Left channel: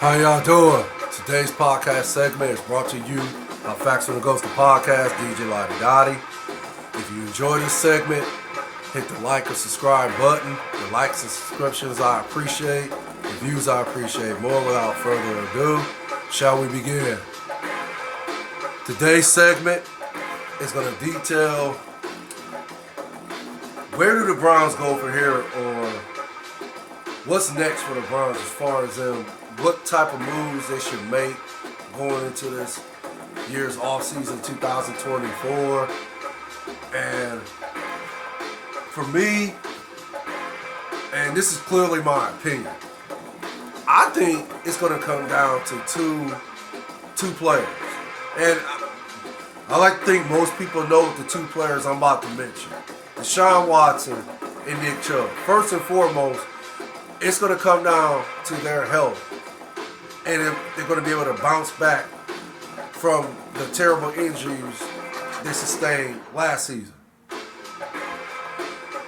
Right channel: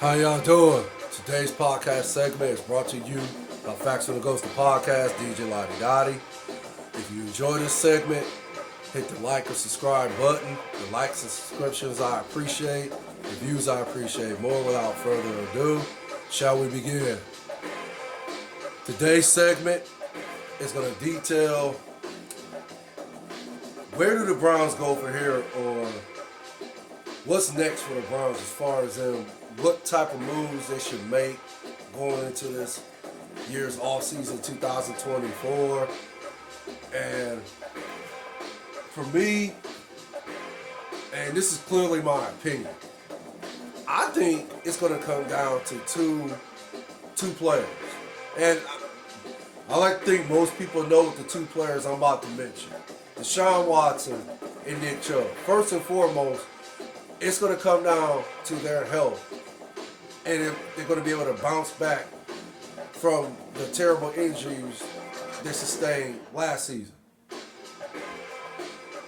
How y'all doing? Today's podcast segment is brought to you by Facts on the Ghost of Podcast, DJ Lottie Dottie. If you enjoy this segment, hit the like and subscribe button. The likes and subscriptions I appreciate. The views I appreciate more. Without further ado, shall we begin? Today's segment is going to detail where do the Browns go from here, or what's next for the Browns as far as them, what type of moves they should make going into this year's offseason 2024. And for me, and this is clearly my opinion, I think it's going to come down to two players. And I like to think most people know the two players I'm about to mention. Deshaun Watson and Nick Chubb. First and foremost, it's going to come down to their health. And they're going to be able to bounce back from the terrible injuries they sustained last season.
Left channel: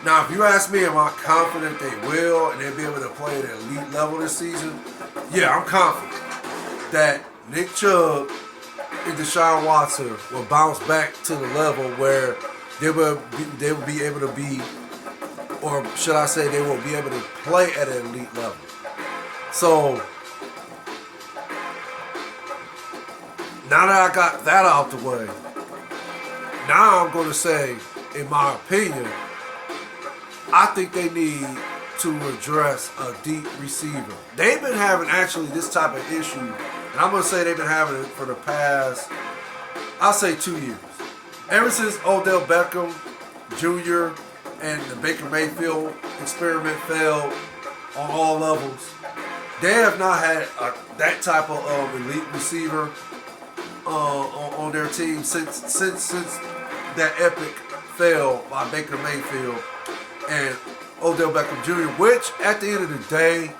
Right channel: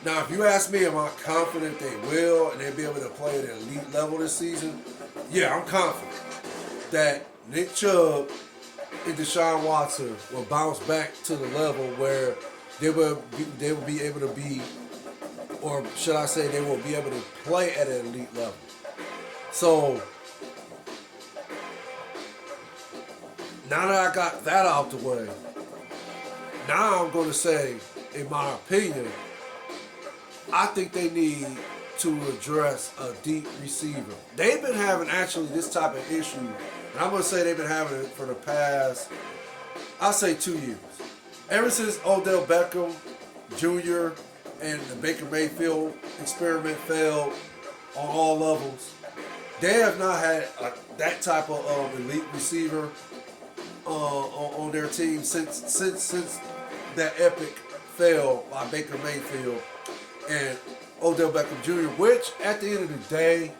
Now, if you ask me, am I confident they will and they'll be able to play at an elite level this season? Yeah, I'm confident that Nick Chubb and Deshaun Watson will bounce back to the level where they will be able to be, or should I say, they will be able to play at an elite level. So, now that I got that out the way, now I'm going to say, in my opinion, I think they need to address a deep receiver. They've been having actually this type of issue, and I'm going to say they've been having it for the past, I'll say 2 years. Ever since Odell Beckham Jr. and the Baker Mayfield experiment failed on all levels, they have not had that type of elite receiver on their team since that epic fail by Baker Mayfield and Odell Beckham Jr., which at the end of the day,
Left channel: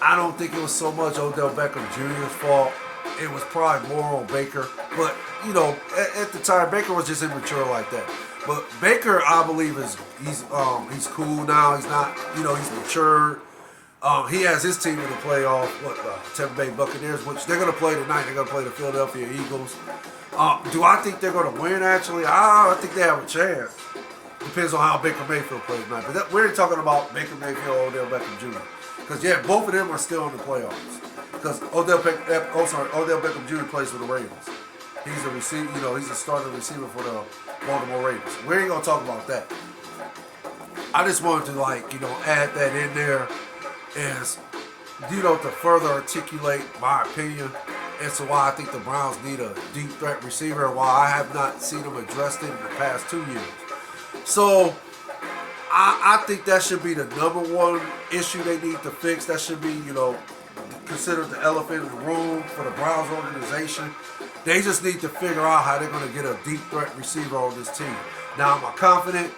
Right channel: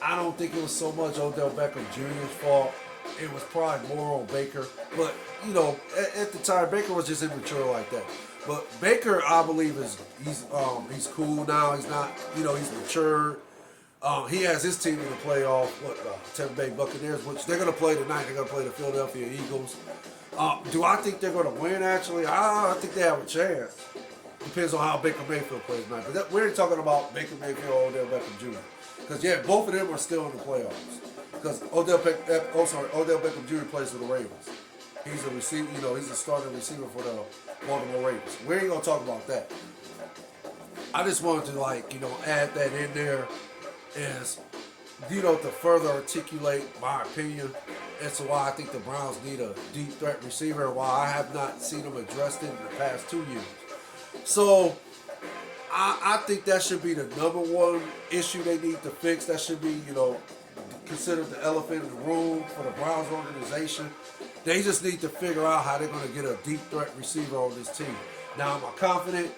I don't think it was so much Odell Beckham Jr.'s fault. It was probably more on Baker. But, you know, at the time, Baker was just immature like that. But Baker, I believe, he's cool now. He's not, he's matured. He has his team in the playoff, Tampa Bay Buccaneers, which they're going to play tonight. They're going to play the Philadelphia Eagles. Do I think they're going to win, actually? I think they have a chance. Depends on how Baker Mayfield plays tonight. But we ain't talking about Baker Mayfield or Odell Beckham Jr. Because, yeah, both of them are still in the playoffs. Because Odell Beckham Jr. plays for the Ravens. He's a receiver, he's a starting receiver for the Baltimore Ravens. We ain't going to talk about that. I just wanted to, add that in there as, to further articulate my opinion as to why I think the Browns need a deep threat receiver and why I have not seen them addressed it in the past 2 years. So, I think that should be the number one issue they need to fix. That should be, considered the elephant in the room for the Browns organization. They just need to figure out how they're going to get a deep threat receiver on this team. Now, am I confident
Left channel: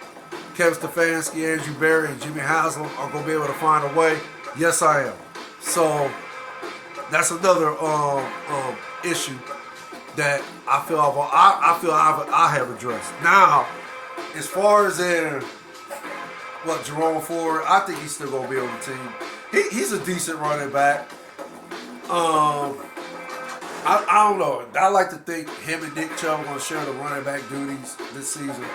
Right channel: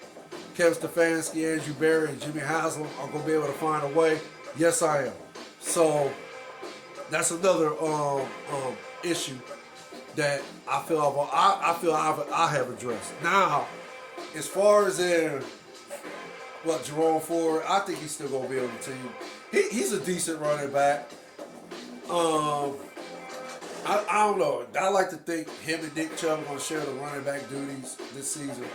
Kevin Stefanski, Andrew Berry, and Jimmy Haslam are going to be able to find a way? Yes, I am. So, that's another issue that I feel I have addressed. Now, as far as Jerome Ford, I think he's still gonna be on the team. He's a decent running back. I don't know. I like to think him and Nick Chubb are gonna share the running back duties this season.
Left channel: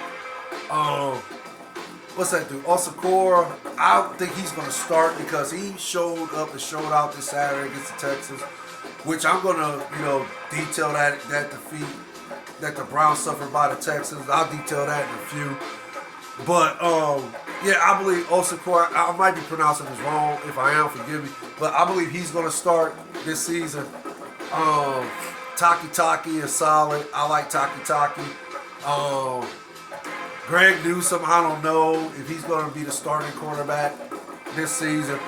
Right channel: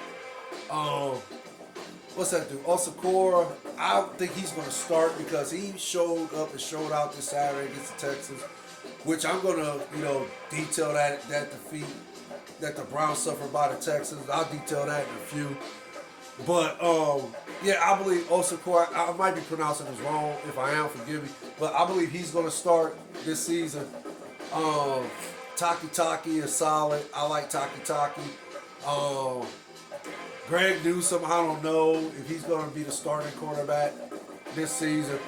What's that dude? Osakor, I don't think he's gonna start because he showed up and showed out this Saturday against the Texans, which I'm gonna, detail that defeat that the Browns suffered by the Texans. I'll detail that in a few. But, I believe Osakor, I might be pronouncing this wrong. If I am, forgive me. But I believe he's going to start this season. Taki is solid. I like Taki. Greg Newsome, I don't know if he's going to be the starting quarterback this season.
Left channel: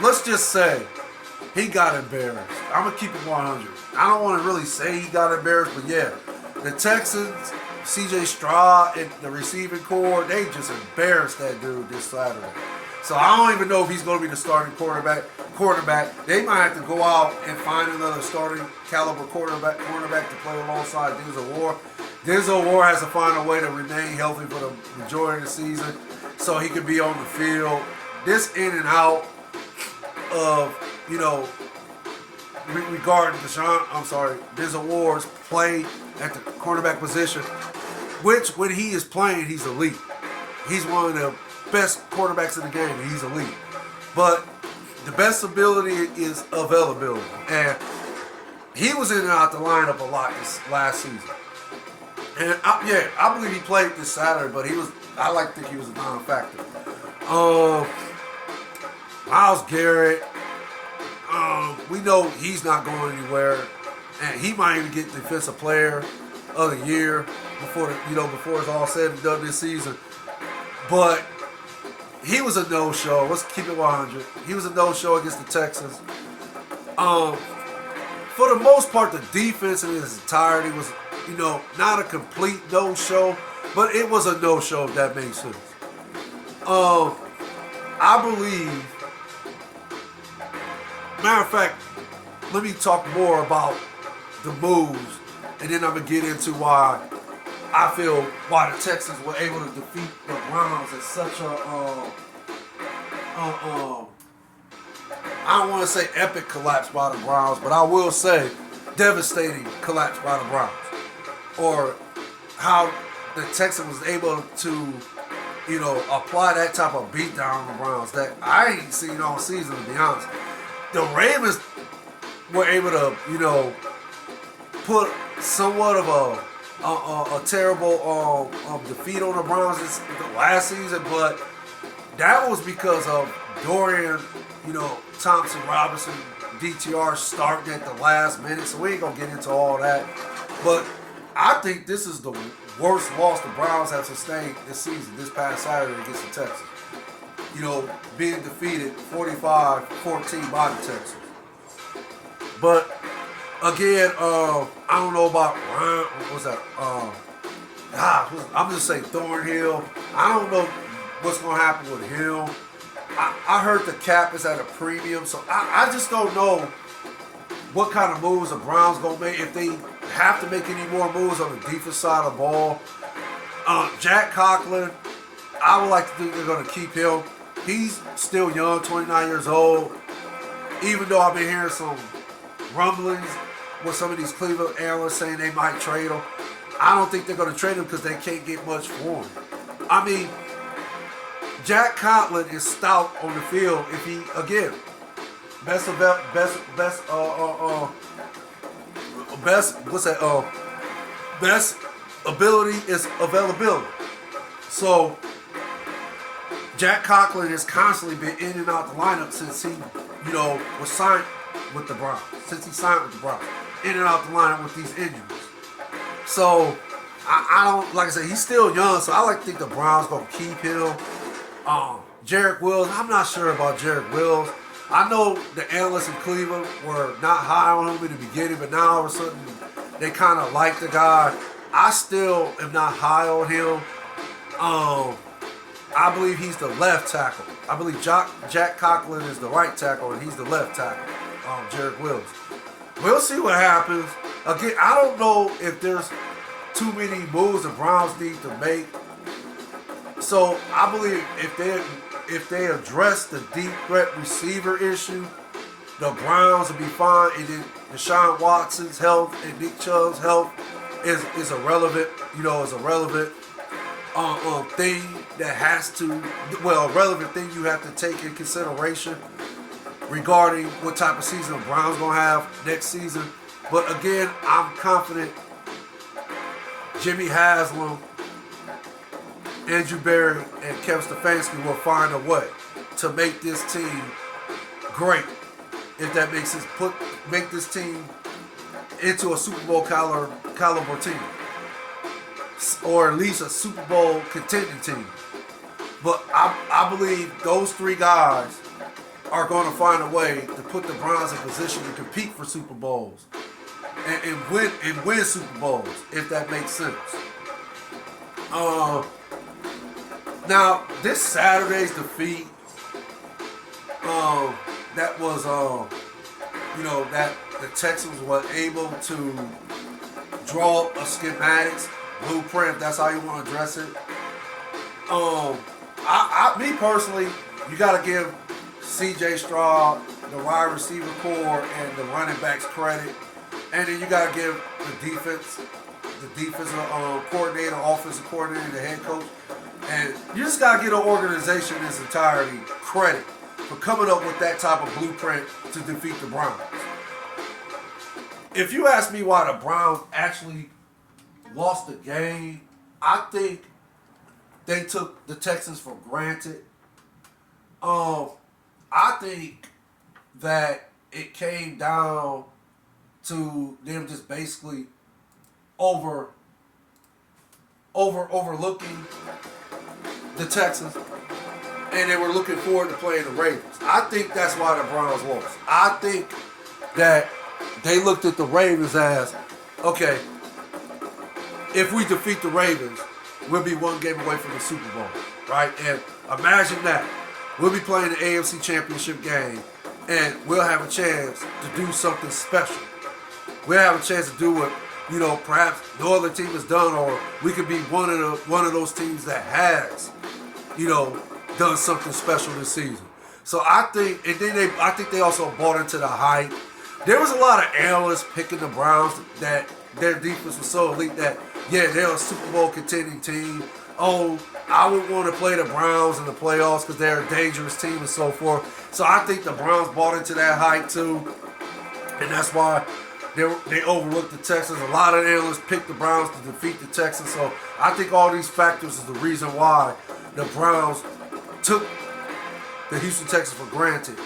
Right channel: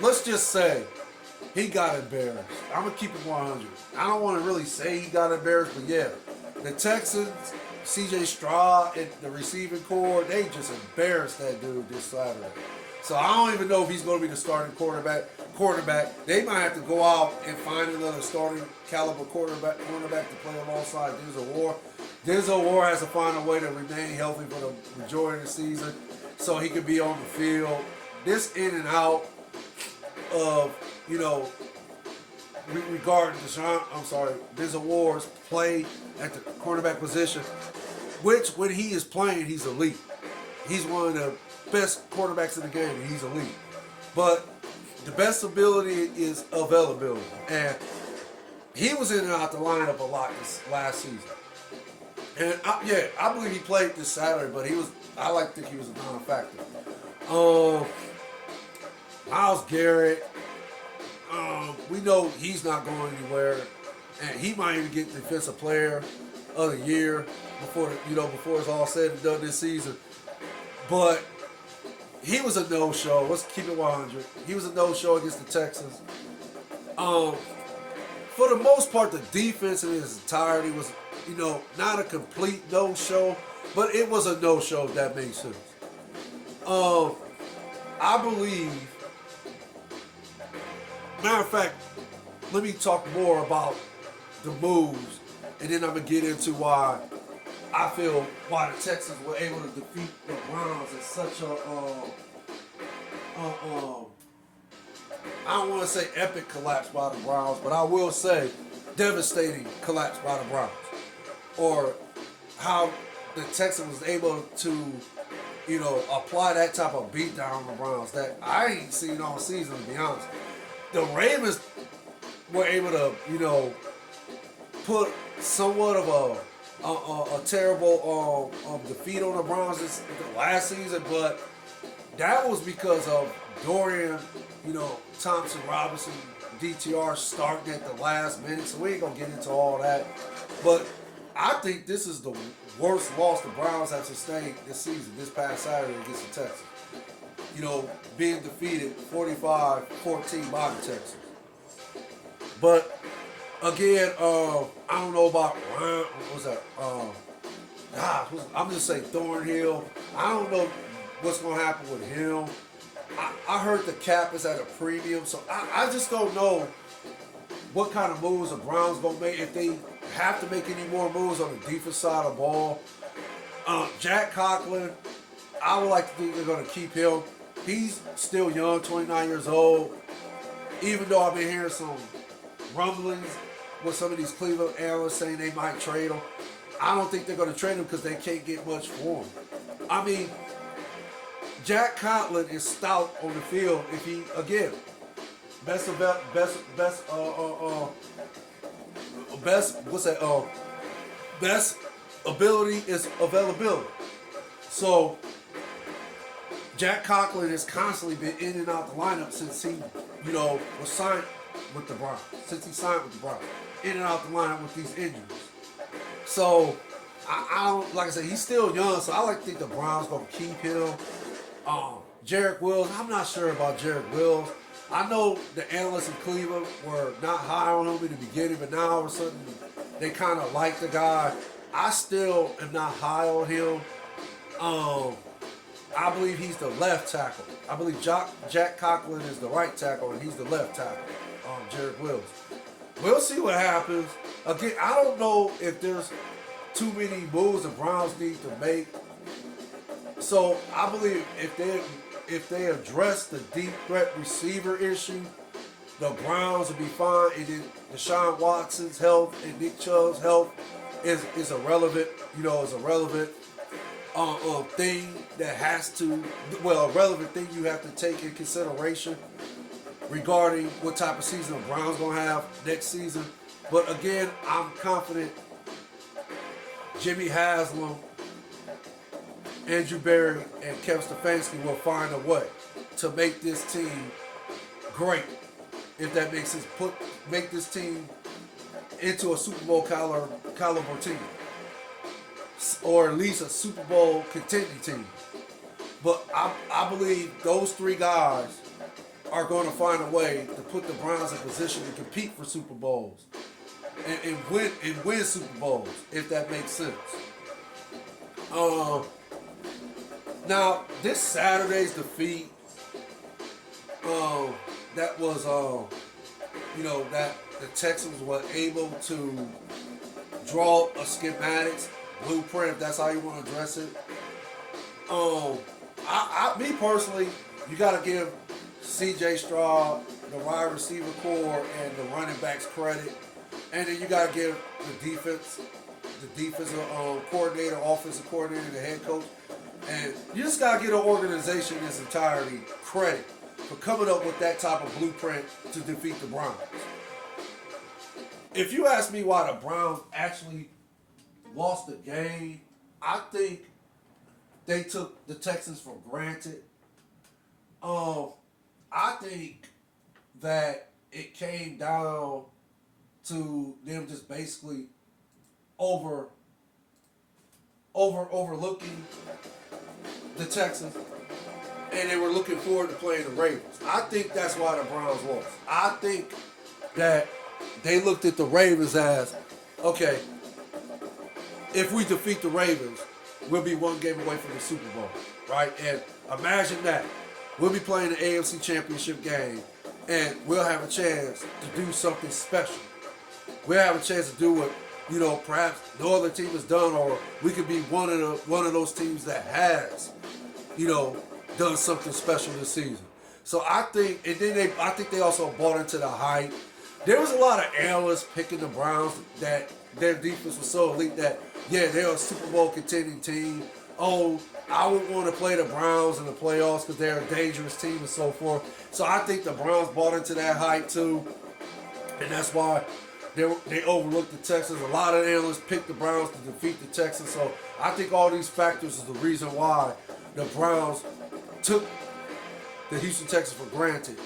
Let's just say, he got embarrassed. I'm going to keep it 100. I don't want to really say he got embarrassed, but yeah. The Texans, C.J. Stroud, and the receiving core, they just embarrassed that dude this Saturday. So I don't even know if he's going to be the starting quarterback. They might have to go out and find another starting caliber cornerback to play alongside Denzel Ward. Denzel Ward has to find a way to remain healthy for the majority of the season so he can be on the field. This in and out, of, regarding Denzel Ward's play at the quarterback position, which when he is playing, he's elite. He's one of the best quarterbacks in the game, and he's elite. But the best ability is availability. And he was in and out the lineup a lot this last season. And I believe he played this Saturday, but I like to think he was a non-factor. Myles Garrett, we know he's not going anywhere, and he might even get Defensive Player of the Year before it's all said and done this season. But he was a no-show. Let's keep it 100. He was a no-show against the Texans. For the most part, the defense in its entirety was, not a complete no-show, but it was a no-show, if that makes sense. I believe, matter of fact, let me talk more about the moves, and then I'm going to get into why the Texans were able to defeat the Browns at such I don't want to say epic collapse by the Browns, but I will say devastating collapse by the Browns. Or how the Texans was able to, apply that type of beatdown on the Browns that I ain't seen all season, to be honest. The Ravens were able to, put somewhat of a terrible defeat on the Browns the last season, but that was because of Dorian, Thompson Robinson, DTR starting at the last minute, so we ain't gonna get into all that. But I think this is the worst loss the Browns have sustained this season, this past Saturday against the Texans. Being defeated 45-14 by the Texans. But again, I don't know about what was that? I'm just saying Thornhill. I don't know what's gonna happen with him. I heard the cap is at a premium, so I just don't know what kind of moves the Browns gonna make, if they have to make any more moves on the defense side of the ball. Jack Conklin, I would like to think they're gonna keep him. He's still young, 29 years old. Even though I've been hearing some rumblings with some of these Cleveland analysts saying they might trade him, I don't think they're gonna trade him because they can't get much for him. I mean, Jack Conklin is stout on the field if he, again, best ability is availability. So Jack Conklin has constantly been in and out the lineup since he, was signed with the Browns. In and out the lineup with these injuries. So I don't, like I said, he's still young, so I like to think the Browns gonna keep him. Jarek Wills, I'm not sure about Jarek Wills. I know the analysts in Cleveland were not high on him in the beginning, but now all of a sudden they kind of like the guy. I still am not high on him. I believe he's the left tackle. I believe Jack Conklin is the right tackle, and he's the left tackle. Jarek Wills. We'll see what happens. Again, I don't know if there's too many moves the Browns need to make. So I believe if they address the deep threat receiver issue, the Browns will be fine. And then Deshaun Watson's health and Nick Chubb's health is a relevant thing that has to, a relevant thing you have to take in consideration regarding what type of season the Browns gonna have next season. But again, I'm confident Jimmy Haslam, Andrew Berry, and Kevin Stefanski will find a way to make this team great. If that makes sense, make this team into a Super Bowl caliber team, or at least a Super Bowl contending team. But I believe those three guys are going to find a way to put the Browns in position to compete for Super Bowls and win Super Bowls, if that makes sense. Now, this Saturday's defeat, that was, that the Texans were able to draw a schematics blueprint, if that's how you want to address it. Me personally, you got to give C.J. Stroud, the wide receiver core and the running backs credit, and then you gotta give the defensive coordinator, offensive coordinator, the head coach, and you just gotta get an organization in its entirety credit for coming up with that type of blueprint to defeat the Browns. If you ask me why the Browns actually lost the game, I think they took the Texans for granted. I think that it came down to them just basically overlooking the Texans, and they were looking forward to playing the Ravens. I think that's why the Browns lost. I think that they looked at the Ravens as, okay, if we defeat the Ravens, we'll be one game away from the Super Bowl, right? And imagine that. We'll be playing the AFC Championship game, and we'll have a chance to do something special. We'll have a chance to do what, perhaps no other team has done, or we could be one of those teams that has, done something special this season. So I think, and then I think they also bought into the hype. There was a lot of analysts picking the Browns that their defense was so elite that, yeah, they're a Super Bowl contending team. Oh, I would want to play the Browns in the playoffs because they're a dangerous team and so forth. So I think the Browns bought into that hype too, and that's why they overlooked the Texans. A lot of analysts picked the Browns to defeat the Texans. So I think all these factors is the reason why the Browns took the Houston Texans for granted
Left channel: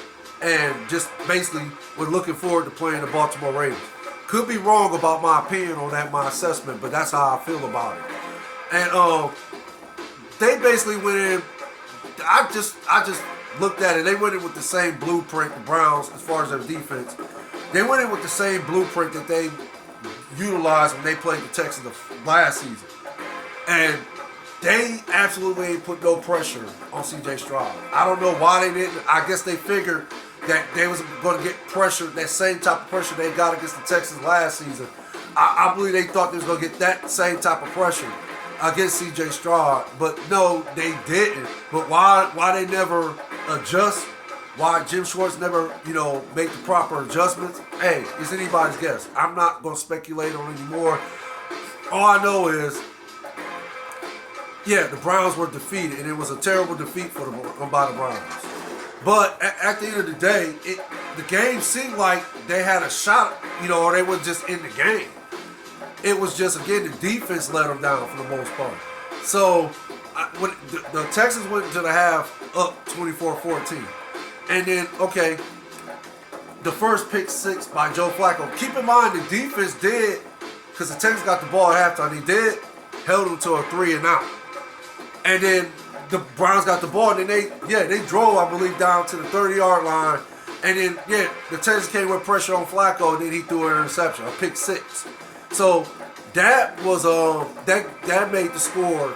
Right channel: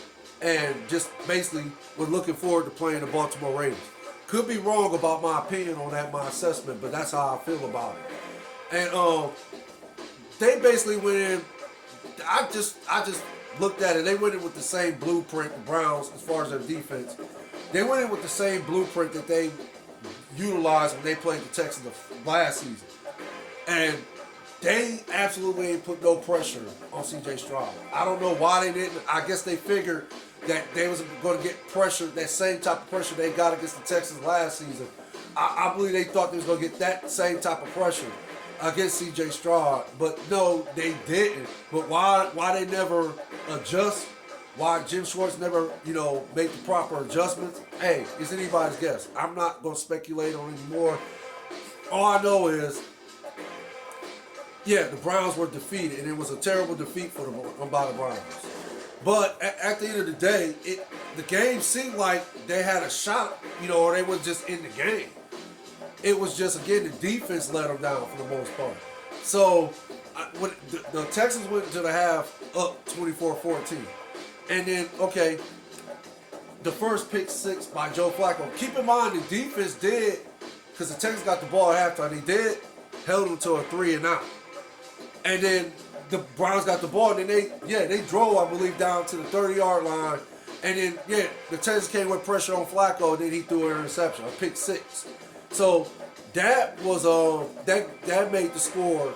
and just basically were looking forward to playing the Baltimore Ravens. Could be wrong about my opinion on that, my assessment, but that's how I feel about it. And they basically went in. I just looked at it. They went in with the same blueprint, the Browns, as far as their defense. They went in with the same blueprint that they utilized when they played the Texans last season. And they absolutely ain't put no pressure on C.J. Stroud. I don't know why they didn't. I guess they figured that they was going to get pressure, that same type of pressure they got against the Texans last season. I believe they thought they was going to get that same type of pressure against C.J. Stroud, but no, they didn't. But why they never adjust? Why Jim Schwartz never, make the proper adjustments? Hey, it's anybody's guess. I'm not going to speculate on it anymore. All I know is, yeah, the Browns were defeated, and it was a terrible defeat by the Browns. But at the end of the day, the game seemed like they had a shot, or they were just in the game. It was just, again, the defense let them down for the most part. So when the Texans went into the half up 24-14. And then, okay, the first pick six by Joe Flacco. Keep in mind, the defense did, because the Texans got the ball at halftime, he held them to a 3-and-out. And then the Browns got the ball, and then they drove, I believe, down to the 30-yard line. And then, the Texans came with pressure on Flacco, and then he threw an interception, a pick six. So that was that made the score